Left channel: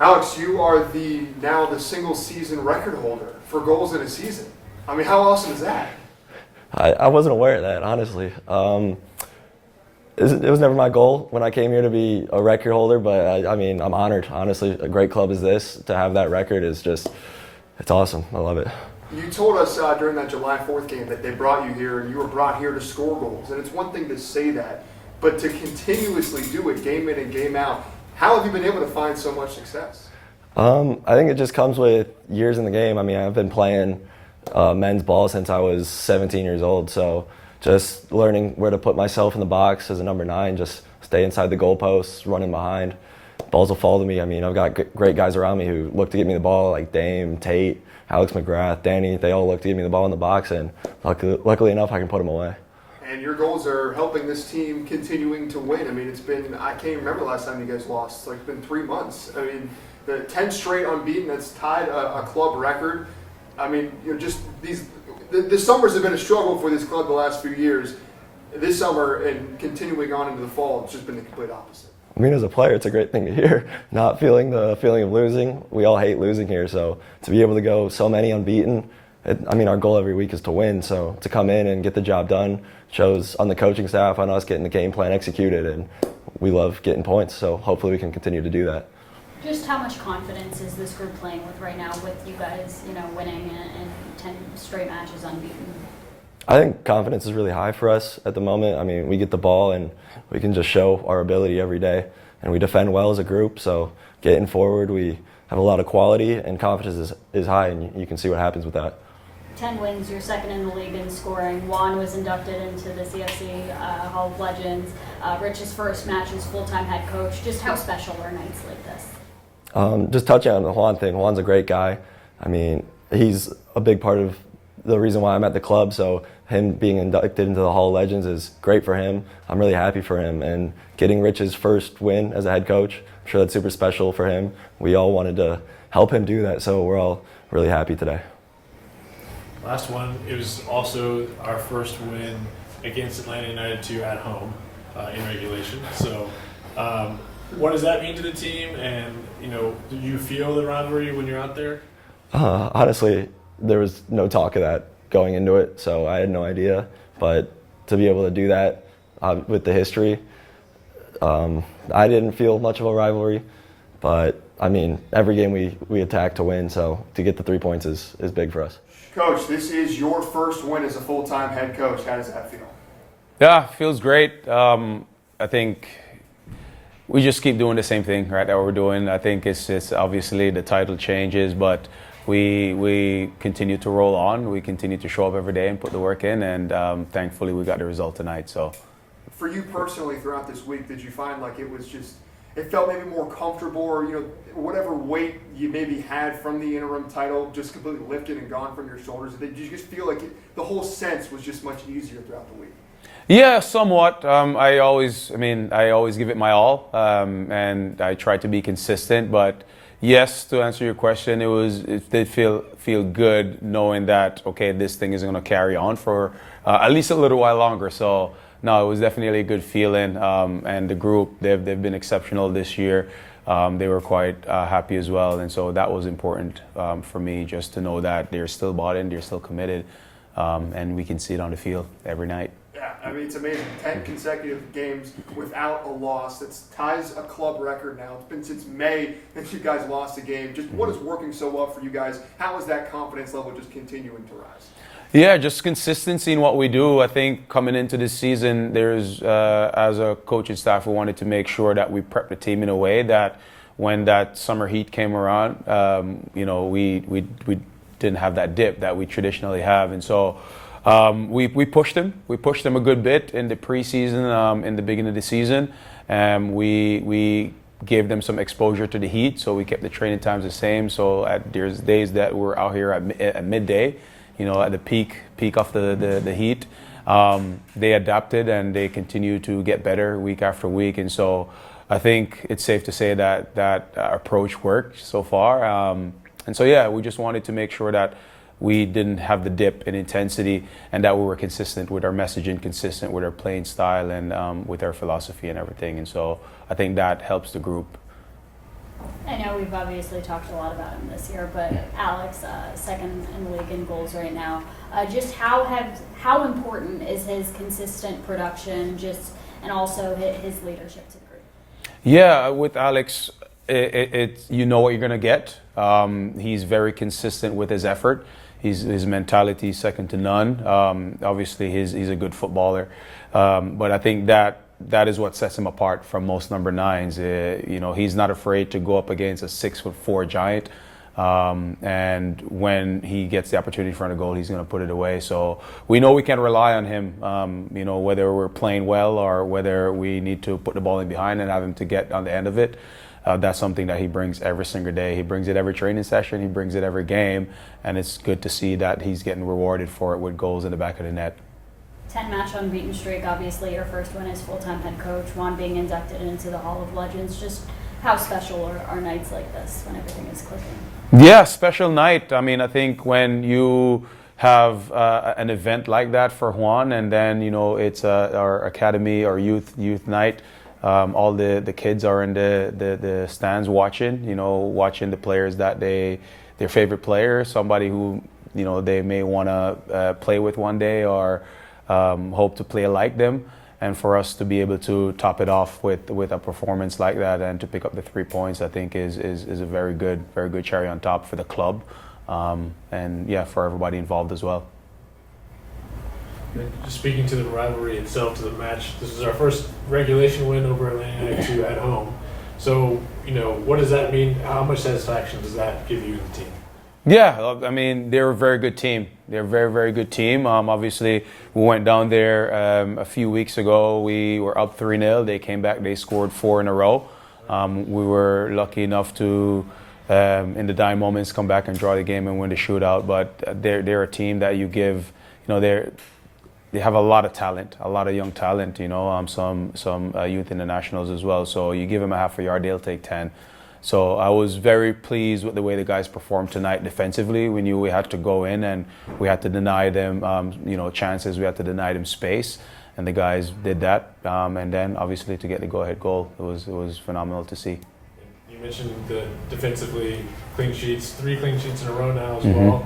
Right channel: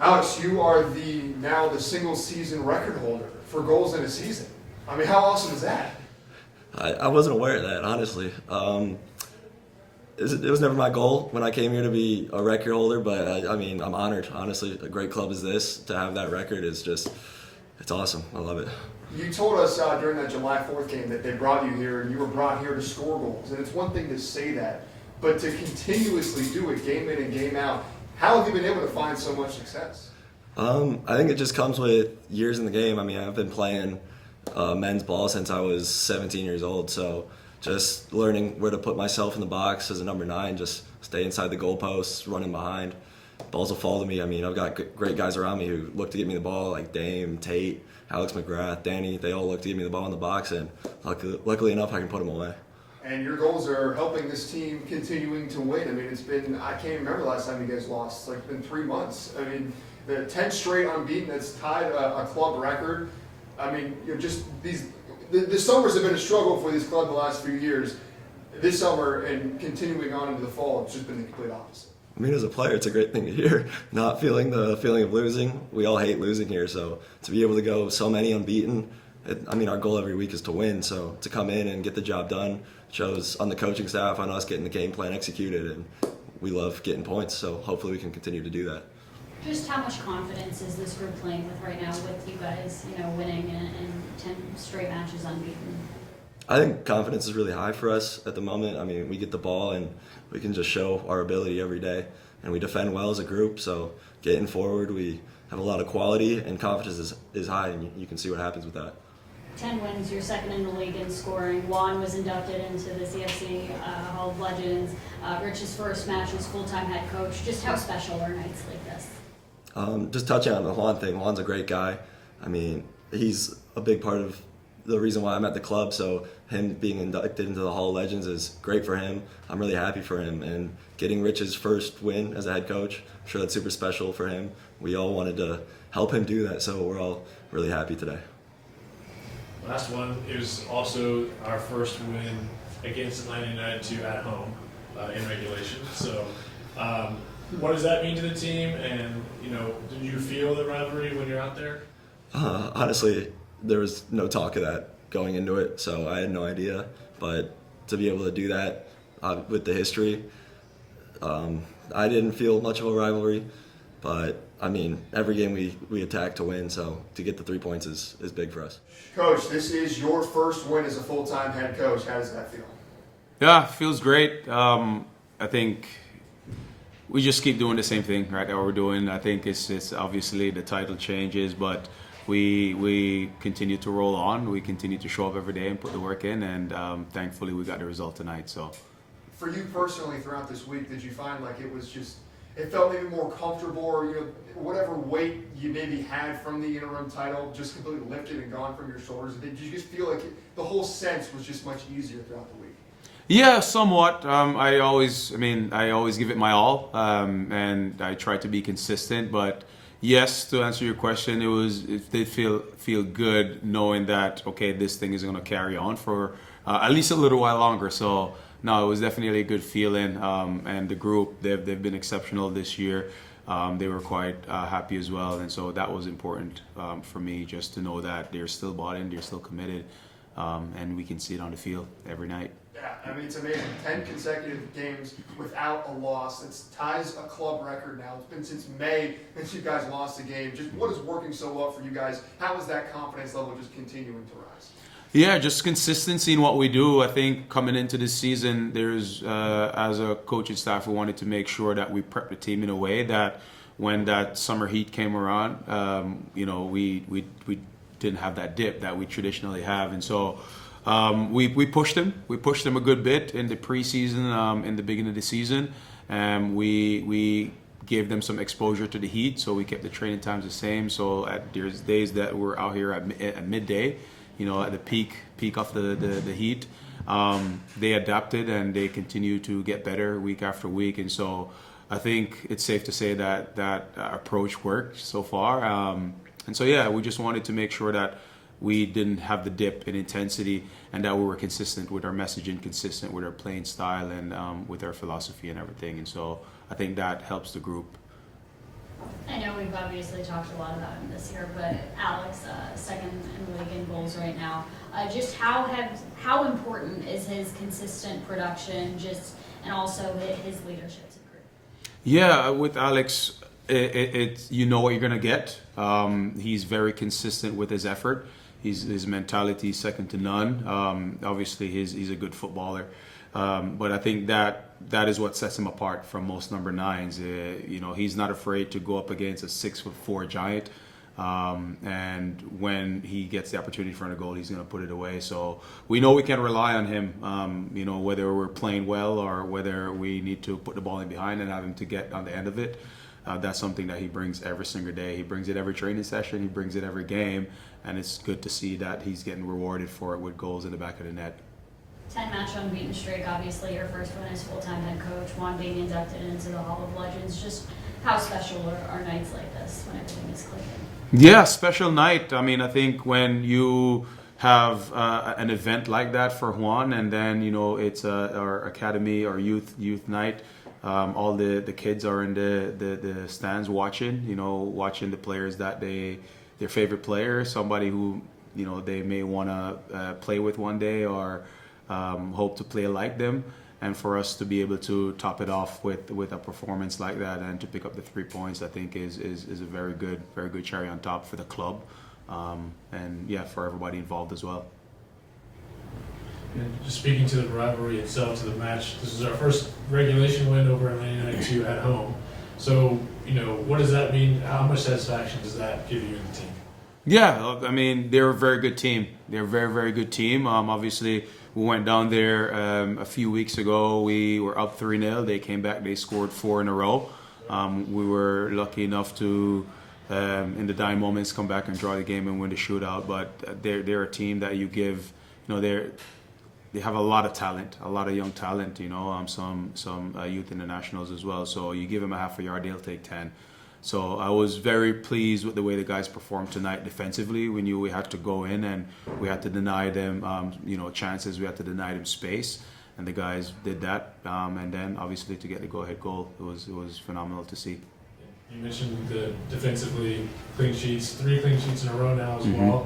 Alex, you are now the single season record holder for goals in a season. I mean, how awesome is that? I wasn't aware of that, honestly. It was never my goal when I came here to be a record holder, but I mean, I'm honored. Honestly, a great club as this, to have that record is just, it's awesome. I love it. You told us during that July 4th game that they brought you here and you were brought here to score goals. And it's one thing to say that, but to continuously do it game in and game out, how have you been able to find so much success? I think it just comes with years in the game. I mean, I've been playing men's ball since I was 17 years old, so just learning where to put myself in the box as a number 9, just stay inside the goalposts, running behind. Balls will fall to me. I mean, I've got great guys around me who look to get me the ball, like Dame, Tate, Alex McGrath, Danny. They all look to get me the ball in the box, and luckily enough, I can put them away. And your goals are helping this team continuing to win. I mean, I can't remember the last time you guys lost. It's like been 3 months. I mean, the 10 straight unbeaten, that's tied a club record. I mean, just the summers have been a struggle for this club the last few years. This summer and continuing on into the fall, it's just been the complete opposite. I mean, as a player, it's a great thing to hear. Not feeling the feeling of losing. We all hate losing here, so to be able to go so many unbeaten, I mean, our goal every week is to win. So to come in and get the job done shows on the coaching staff, on us getting the game plan executed, and we love getting points. So hopefully we can continue to do that. Just how much confidence is this group playing with right now, with you guys, winning and 10 straight matches unbeaten? I think confidence is really high for us at the moment. I mean, we get the ball and we can just show our ability every day, and we defend well as a group. So getting forward, we have a lot of quality, and confidence is high, and you can see what happens with that. 10 wins, you're second in the league in scoring. Juan was inducted into the CFC Hall of Legends. Rich's first match as full-time head coach. Just how special are nights like this? Just touching on the Juan thing, Juan's a great guy. I mean, he's a big part of the reason why I'm at the club, so him being inducted into the Hall of Legends is great for him. I'm really happy for him, and getting Rich's first win as a head coach, I'm sure that's super special for him. We all wanted to help him do that, so we're all really happy today. Last one, it was also our first win against Atlanta United 2 at home in regulation. So what does that mean to the team, and do you feel the rivalry when you're out there? Honestly, there was no talk of that going into it, so I had no idea. But to be able to do that with the history, I didn't feel much of a rivalry. But I mean, every game we attack to win, so to get the 3 points is big for us. Coach, this is your first win as a full-time head coach. How does that feel? Yeah, feels great. I think we just keep doing the same thing, right, that we're doing. I think it's obviously the title changes, but we continue to roll on. We continue to show up every day and put the work in, and thankfully we got the result tonight. So, for you personally, throughout this week, did you find like it felt maybe more comfortable, or whatever weight you maybe had from the interim title just completely lifted and gone from your shoulders? Did you just feel like the whole sense was just much easier throughout the week? Yeah, somewhat. I always give it my all, and I try to be consistent. But yes, to answer your question, it did feel good knowing that this thing is going to carry on for at least a little while longer. So no, it was definitely a good feeling, and the group they've been exceptional this year. They were quite happy as well, and so that was important for me, just to know that they're still bought in, they're still committed, and we can see it on the field every night. Yeah, I mean, it's amazing. 10 consecutive games without a loss. That ties a club record now. It's been since May that you guys lost a game. Just what is working so well for you guys? How is that confidence level just continuing to rise? Yeah, just consistency in what we do. I think coming into this season, as a coaching staff, we wanted to make sure that we prep the team in a way that when that summer heat came around, we didn't have that dip that we traditionally have, and so we pushed them. We pushed them a good bit in the preseason, in the beginning of the season. We gave them some exposure to the heat, so we kept the training times the same. So there's days that we're out here at midday, at the peak of the heat. They adapted and they continue to get better week after week. And so I think it's safe to say that approach worked so far. And so, yeah, we just wanted to make sure that we didn't have the dip in intensity, and that we were consistent with our messaging, consistent with our playing style, and with our philosophy and everything. And so I think that helps the group. I know we've obviously talked a lot about him this year, but Alex, second in the league in goals right now. Just how important is his consistent production, and also his leadership to the group? Yeah, with Alex, you know what you're going to get. He's very consistent with his effort. His mentality is second to none. Obviously, he's a good footballer, but I think that is what sets him apart from most number nines. He's not afraid to go up against a 6'4" giant, and when he gets the opportunity in front of goal, he's going to put it away. So we know we can rely on him. Whether we're playing well or whether we need to put the ball in behind and have him to get on the end of it. That's something that he brings every single day. He brings it every training session. He brings it every game, and it's good to see that he's getting rewarded for it with goals in the back of the net. 10-match unbeaten streak, obviously your first one as full-time head coach, Juan being inducted into the Hall of Legends. Just how special are nights like this when everything is clicking? Yeah, special night. I mean, I think when you have an event like that for Juan, and then it's our academy or youth night. All the kids are in the stands watching the players that their favorite player, somebody who they may want to play with one day or hope to play like them, and for us to be able to top it off with a performance like that and to pick up the 3 points, I think is a very good cherry on top for the club, and for everybody involved as well. Just speaking to the rivalry itself, to the match, this is our first regulation win over Atlanta United 2 at home. So, what does that mean? How much satisfaction does that give you and the team? Yeah, I mean, they're a very good team. They're a very, very good team. Obviously, we went down there a few weeks ago. We were up 3-0. They came back. They scored 4 in a row. We were lucky enough to, in the dying moments, come back and draw the game and win the shootout. But they're a team that you give, they have a lot of talent, a lot of young talent, some youth internationals as well. So you give them a half a yard, they'll take 10. So I was very pleased with the way the guys performed tonight defensively. We knew we had to go in and we had to deny them, chances. We had to deny them space, and the guys did that. And then obviously to get the go-ahead goal, it was phenomenal to see. You mentioned the defensively clean sheets, 3 clean sheets in a row now as well.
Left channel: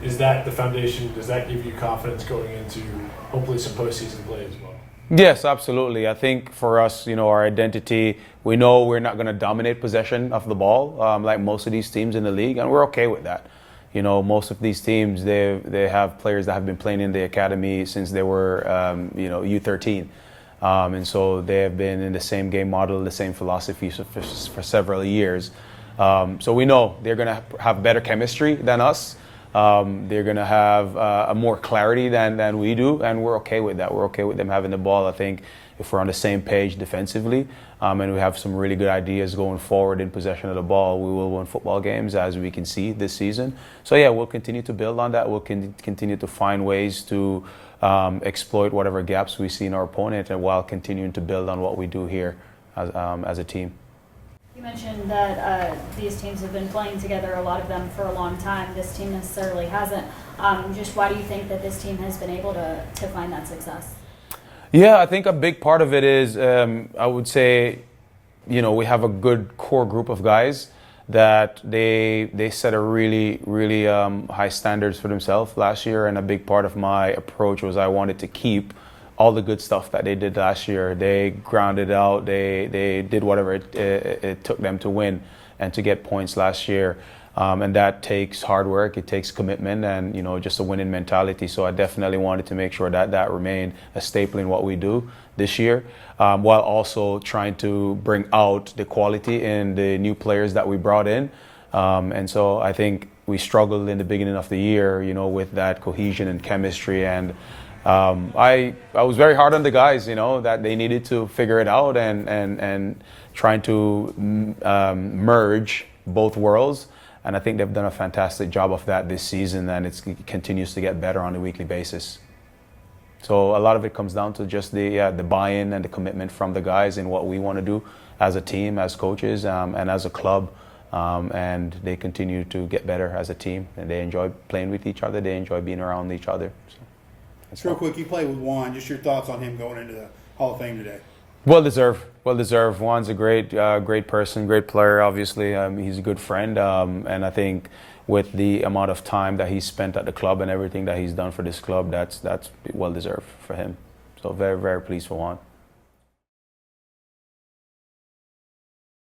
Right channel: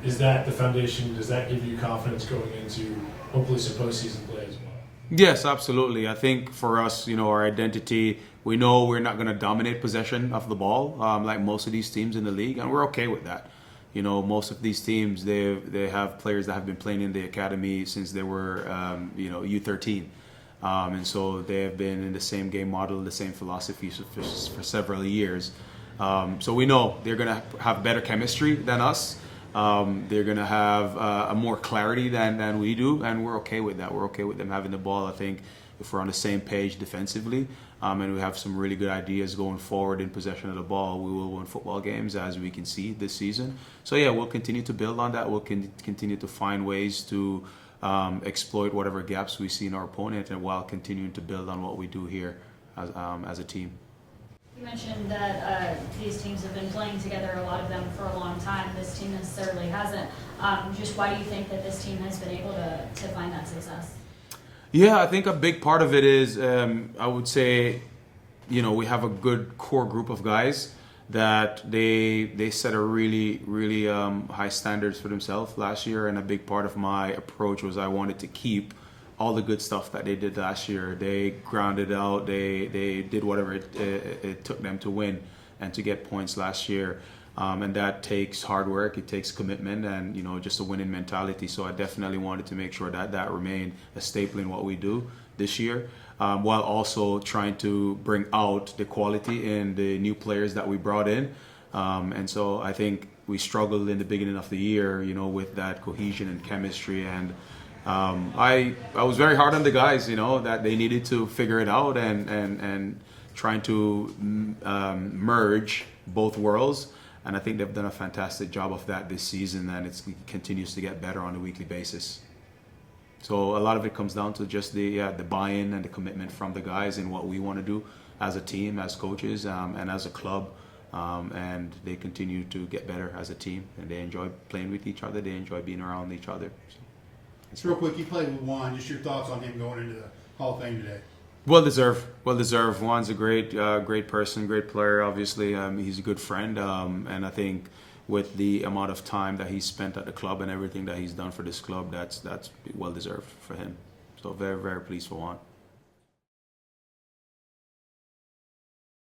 Is that the foundation? Does that give you confidence going into hopefully some postseason play as well? Yes, absolutely. I think for us, our identity, we know we're not going to dominate possession of the ball like most of these teams in the league, and we're okay with that. Most of these teams, they have players that have been playing in the academy since they were, U13. And so they have been in the same game model, the same philosophy for several years. So we know they're going to have better chemistry than us. They're going to have a more clarity than we do, and we're okay with that. We're okay with them having the ball. I think if we're on the same page defensively, and we have some really good ideas going forward in possession of the ball, we will win football games, as we can see this season. So yeah, we'll continue to build on that. We'll continue to find ways to exploit whatever gaps we see in our opponent, and while continuing to build on what we do here as a team. You mentioned that these teams have been playing together, a lot of them, for a long time. This team necessarily hasn't. Just why do you think that this team has been able to find that success? Yeah, I think a big part of it is, I would say, we have a good core group of guys that they set a really, really high standards for themselves last year, and a big part of my approach was I wanted to keep all the good stuff that they did last year. They grounded out, they did whatever it took them to win and to get points last year. And that takes hard work, it takes commitment, and just a winning mentality. So I definitely wanted to make sure that remained a staple in what we do this year, while also trying to bring out the quality in the new players that we brought in. And so I think we struggled in the beginning of the year, with that cohesion and chemistry. And I was very hard on the guys, that they needed to figure it out and trying to merge both worlds. And I think they've done a fantastic job of that this season, and it continues to get better on a weekly basis. So a lot of it comes down to just the buy-in and the commitment from the guys in what we want to do as a team, as coaches, and as a club. And they continue to get better as a team, and they enjoy playing with each other. They enjoy being around each other. So real quick, you played with Juan. Just your thoughts on him going into the Hall of Fame today. Well deserved. Well deserved. Juan's a great person, great player. Obviously, he's a good friend, and I think with the amount of time that he's spent at the club and everything that he's done for this club, that's well deserved for him. So very, very pleased for Juan.